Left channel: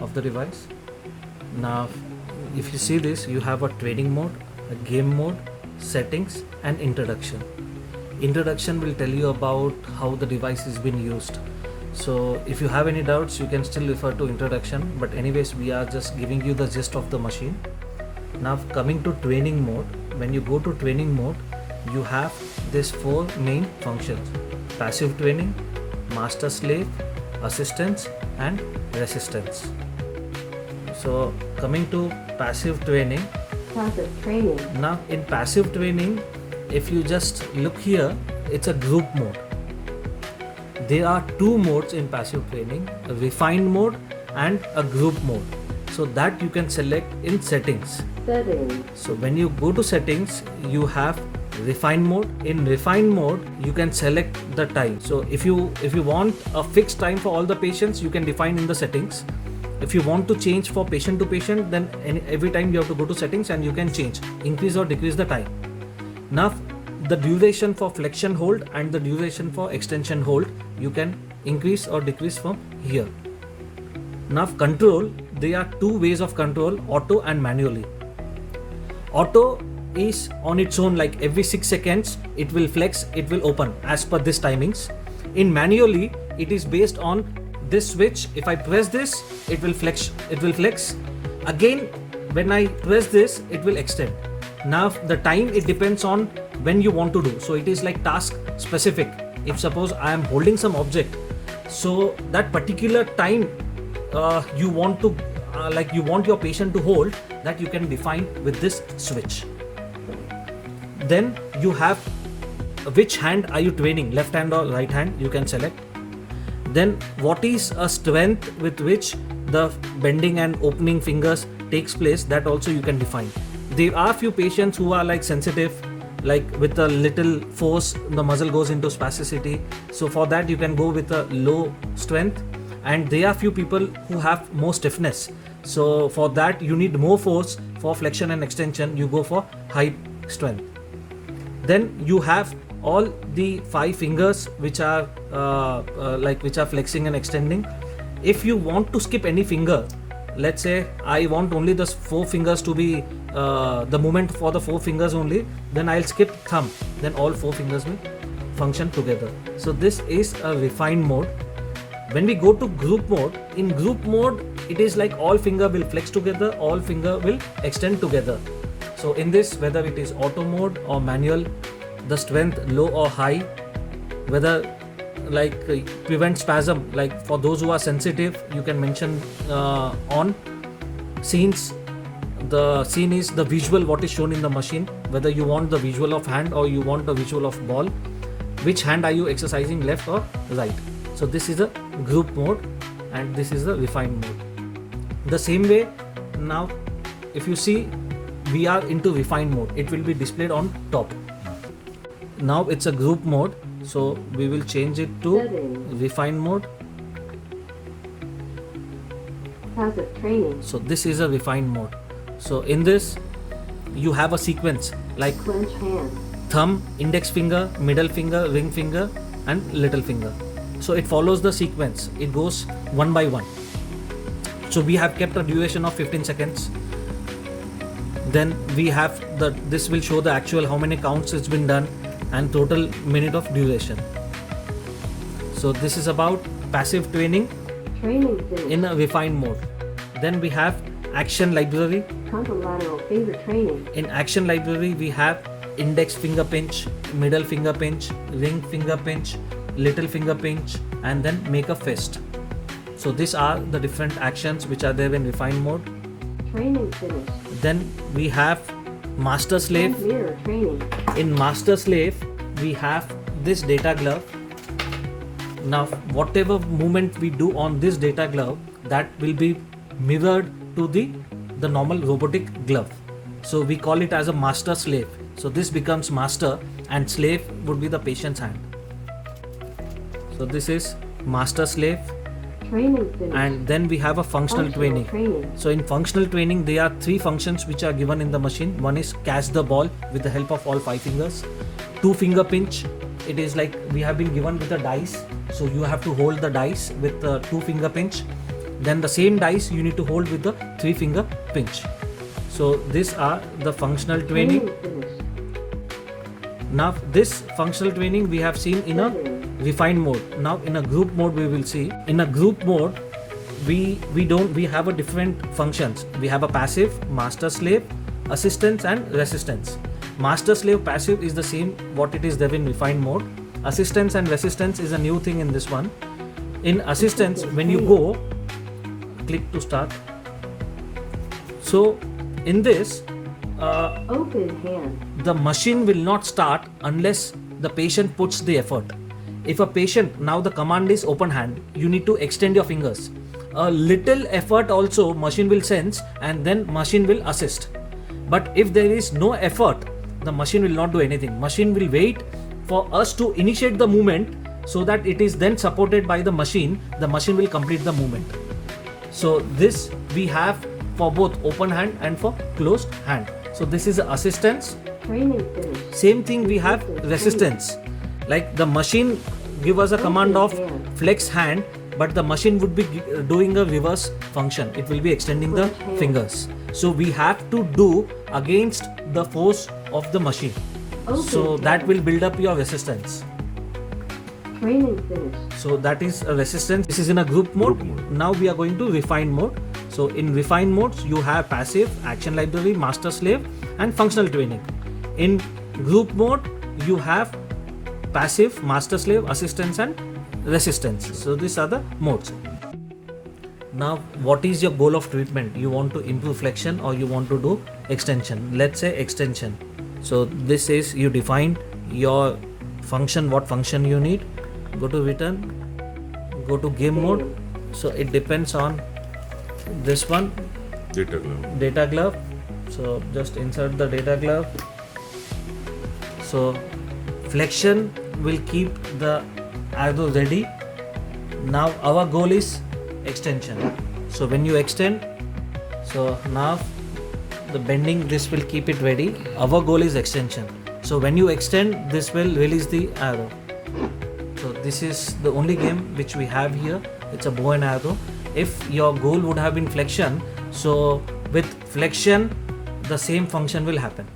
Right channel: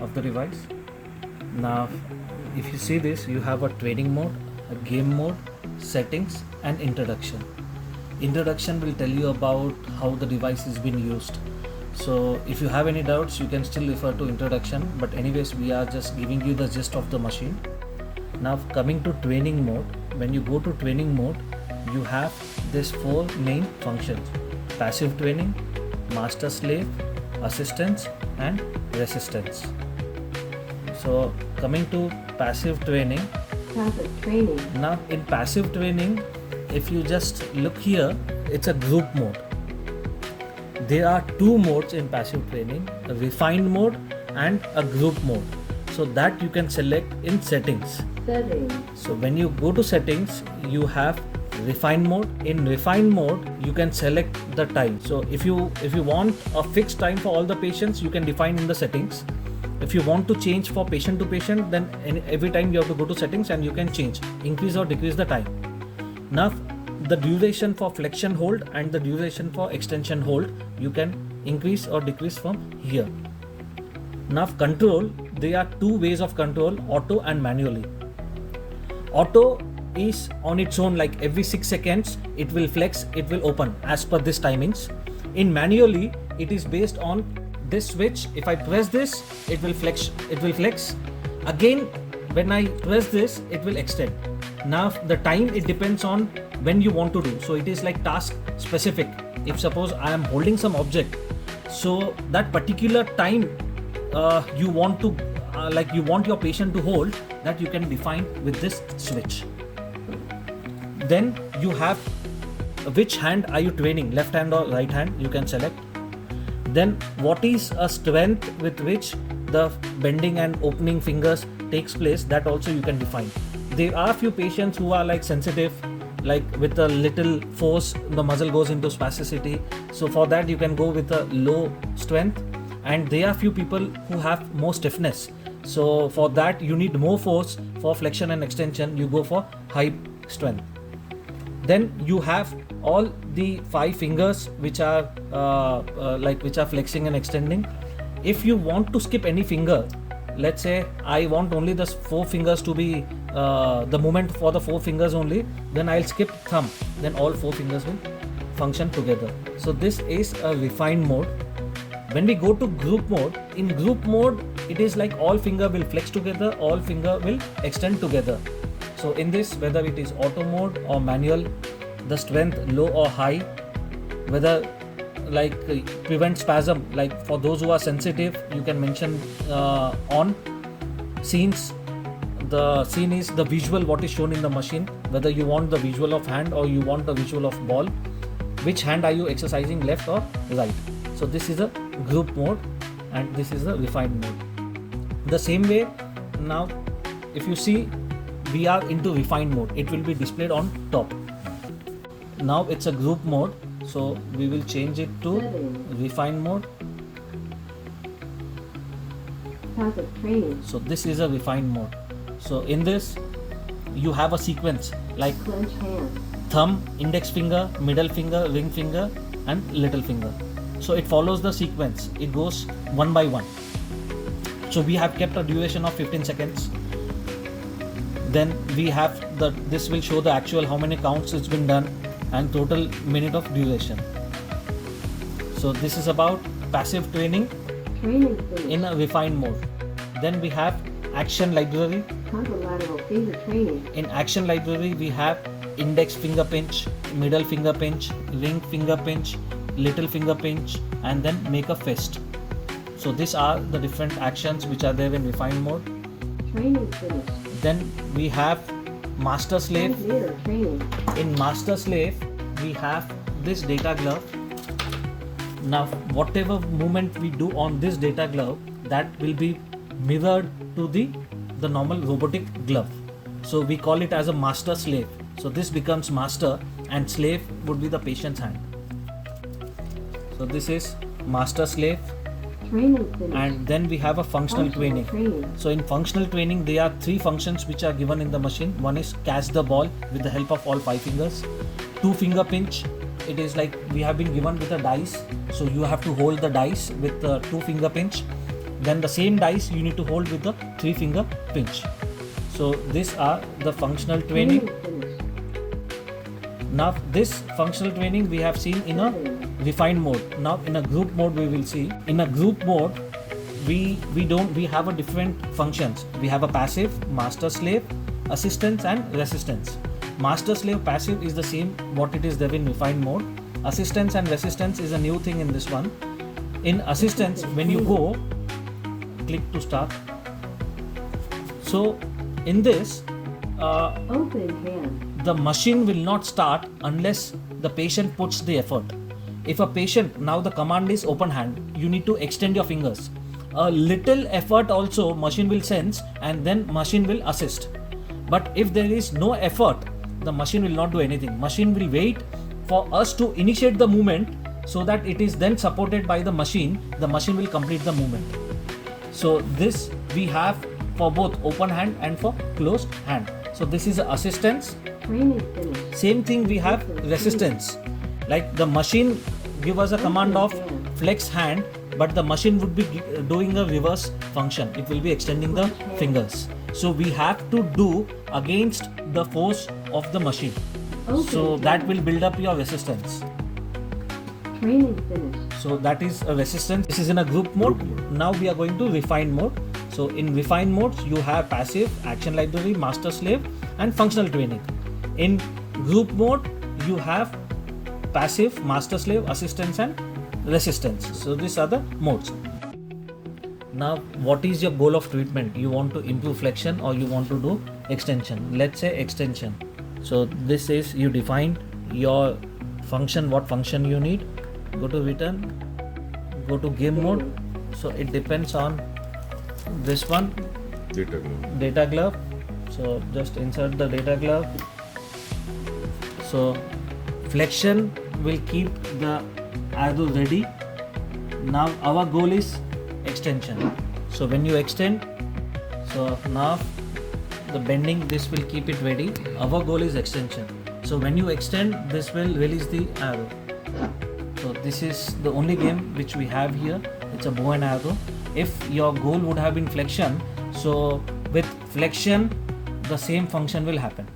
of the device. Now if you see this, you have a training mode, a game mode, settings and introduction. Introduction will tell you about how the device is being used. So if you have any doubts, you can still refer to introduction, but anyways we are just giving you the gist of the machine. Now coming to training mode, when you go to training mode, you have this 4 main functions: passive training, master slave, assistance and resistance. So coming to passive training. Now in passive training, if you just look here, it's a group mode. There are 2 modes in passive training, a refined mode and a group mode. So that you can select in settings. So when you go to settings, you have refined mode. In refined mode, you can select the time. So if you want a fixed time for all the patients, you can define in the settings. If you want to change for patient to patient, then every time you have to go to settings and you can change, increase or decrease the time. Now the duration for flexion hold and the duration for extension hold, you can increase or decrease from here. Now control, there are 2 ways of control, auto and manually. Auto is on its own, like every 6 seconds it will flex, it will open as per this timings. In manually, it is based on this switch. If I press this, it will flex, again when I press this, it will extend. Now the time, it depends on when you want to do. So it is like task specific. If suppose I am holding some object, so that particular time you want to you want your patient to hold, that you can define with this switch. Then you have which hand are you training, left hand or right hand, you can select. Then what is a strength with which the bending and opening fingers takes place, that also you can define. There are few patients who are like sensitive, like with a little force the muscle goes into spasticity, so for that you can go with a low strength. And there are few people who have more stiffness, so for that you need more force. For flexion and extension, you go for high strength. Then you have all the 5 fingers which are which are flexing and extending. If you want to skip any finger, let's say I want only the 4 fingers to be the movement for the 4 fingers only, then I'll skip thumb, then all 4 fingers will function together. So this is a refined mode. When we go to group mode, in group mode it is like all finger will flex together, all finger will extend together. So in this, whether it is auto mode or manual, the strength low or high, whether like prevent spasm, like for those who are sensitive, you can mention on scenes. The scene is the visual what is shown in the machine, whether you want the visual of hand or you want the visual of ball, which hand are you exercising, left or right. So this is a group mode and this is the refined mode. The same way, now if you see, we are into refined mode, it will be displayed on top. Now it's a group mode, so we will change it to refined mode. So this is a refined mode. So in this you have a sequence like thumb, index finger, middle finger, ring finger and little finger. So it follows the sequence, it goes one by one. So we have kept a duration of 15 seconds. Then we have this will show the actual how many counts it's been done and total minute of duration. So this is about passive training in a refined mode. Then we have action library. In action library we have index finger pinch, middle finger pinch, ring finger pinch, little finger pinch and then make a fist. So these are the different actions which are there in refined mode. Then we have master slave. In master slave we have this data glove. Now whatever movement we do on this data glove, that will be mirrored to the normal robotic glove. So we call it as a master slave. So this becomes master and slave would be the patient's hand. So this is master slave. And then we have a functional training. So in functional training there are 3 functions which are given in the machine. One is catch the ball with the help of all 5 fingers. 2 finger pinch, it is like we have been given with a dice, so you have to hold the dice with 2 finger pinch. then the same dice you need to hold with the 3-finger pinch. So these are the functional training. Now this functional training we have seen in a refined mode. Now in a group mode we will see. In a group mode we have a different functions. We have a passive, master slave, assistance and resistance. Master slave passive is the same what it is there in refined mode. Assistance and resistance is a new thing in this one. In assistance, when you go, click to start. So in this, open hand. The machine will not start unless the patient puts the effort. If a patient, now the command is open hand, you need to extend your fingers. A little effort also machine will sense and then machine will assist. But if there is no effort, the machine will not do anything. Machine will wait for us to initiate the movement so that it is then supported by the machine will complete the movement. So this we have for both open hand and for closed hand. So this is assistance. Training finished. Same thing we have resistance. Like the machine give us a command of flex hand, but the machine would be doing a reverse function. It will be extending the fingers. So we have to do against the force of the machine. So that will build up your resistance. Training finished. So that is a resistance. This is in a group mode. Now we are going to refine mode. So in refined modes you have passive, action library, master slave and functional training. In group mode you have passive, master slave, assistance and resistance. So these are the modes. Now what is your goal of treatment? You want to improve flexion or you want to do extension? Let's say extension. So this is you define your function, what function you need. Go to return, go to game mode. So it depends on this one, data glove. So just insert the data glove. So flexion will keep the arrow ready. Now our goal is extension. So when you extend, so now the bending, this will keep it ready. Our goal is extension. So when you extend, this will release the arrow. So this is the only game which we have here. It's a bow and arrow. If your goal would have been flexion, so with flexion the same function will happen.